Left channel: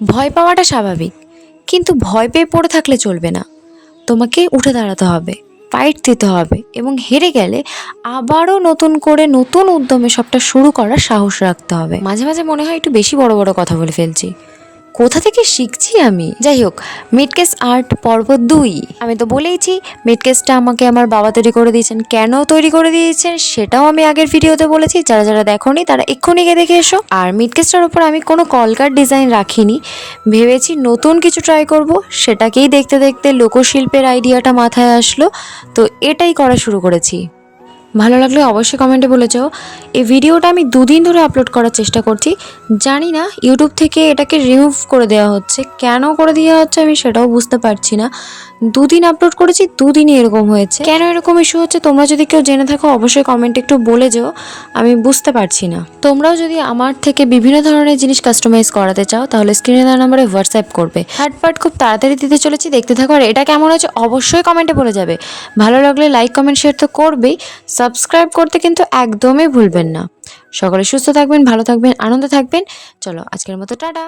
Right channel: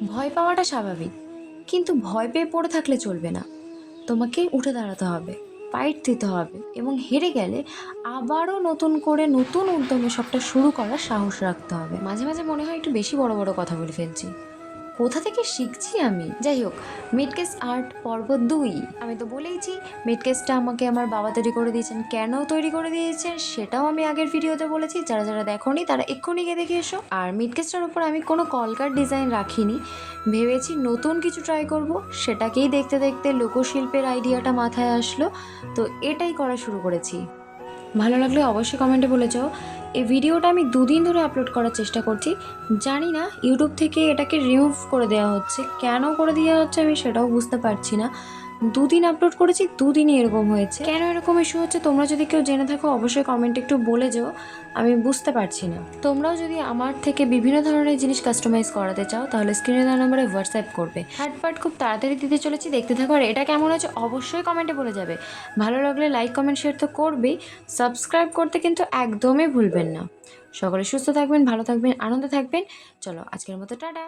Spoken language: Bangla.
ভয় পাওয়াটা স্বাভাবিক, কিন্তু ভয় পেয়ে পড়ে থাকলে চলবে না। তোমাকে উঠে দাঁড়াতে হবে, ফাইট দিতে হবে এবং হেরে গেলে আবারও নতুন করে নতুন উদ্যমে সবটা শুরু করার সাহস রাখতে হবে। মাঝে মাঝে মনে হয় একটু বেশি বড় বড় কথা বলে ফেলছি। কোথা থেকে শিখছি আমি? যাই হোক, মিডকেস আর্ট পর্ব 2। আমি তো বলেইছি মিডকেসটা আমাকে আমার বাবা তৈরি করে দিয়েছেন। কেন তৈরি করে দিয়েছেন সেটাও আমি আগের ভিডিওতে বলেছি, যারা যারা দেখোনি তারা এক্ষুনি গিয়ে দেখে এসো। আর মিডকেসটার উপর আমি কোনো কলকার ডিজাইন রাখিনি, ভেবেছি নতুন কিছু ট্রাই করব। সেটাকেই দেখতে দেখতে লোকশিল্পের আইডিয়াটা মাথায় আসলো, তো এটাই করা শুরু করেছি। ভালো লাগলে অবশ্যই কমেন্টে বলে যাও। এই ভিডিওটা আমি 2 দিন ধরে আপলোড করার চেষ্টা করছি, জানি না ইউটিউব থেকে এটাকে রিমুভ করে দেওয়া হচ্ছে। কেন করে দেওয়া হচ্ছে আমি সেটাও বুঝতে পারছি না। 2 দিন আপলোড করেছি, 2 দিনই এরকম হয়েছে। কেন এরকম ইস্যু হচ্ছে তোমরা যদি কেউ জেনে থাকো অবশ্যই কমেন্টে একটু বলে যাও, আমি বুঝতে পারছি না। তোমরাও যদি আমার থেকে বিভিন্ন ধরনের জিনিস কাস্টমাইজ করাতে চাও তাহলে স্ক্রিনে দেওয়া নাম্বারে হোয়াটসঅ্যাপ করবে। থার্ড পার্ট খুব তাড়াতাড়ি দিতে চলেছি, দেখতে থাকো। আর এটা কেমন হয়েছে অবশ্যই কমেন্টে বলে যাবে। ভালো লাগলে লাইক কমেন্ট শেয়ার তো করবেই, সাবস্ক্রাইব করতে কিন্তু একদমই ভুলবেন না। সকলে সুস্থ থাকবেন, ভালো থাকবেন, আনন্দে থাকবেন। চলো আজকের মতো টাটা।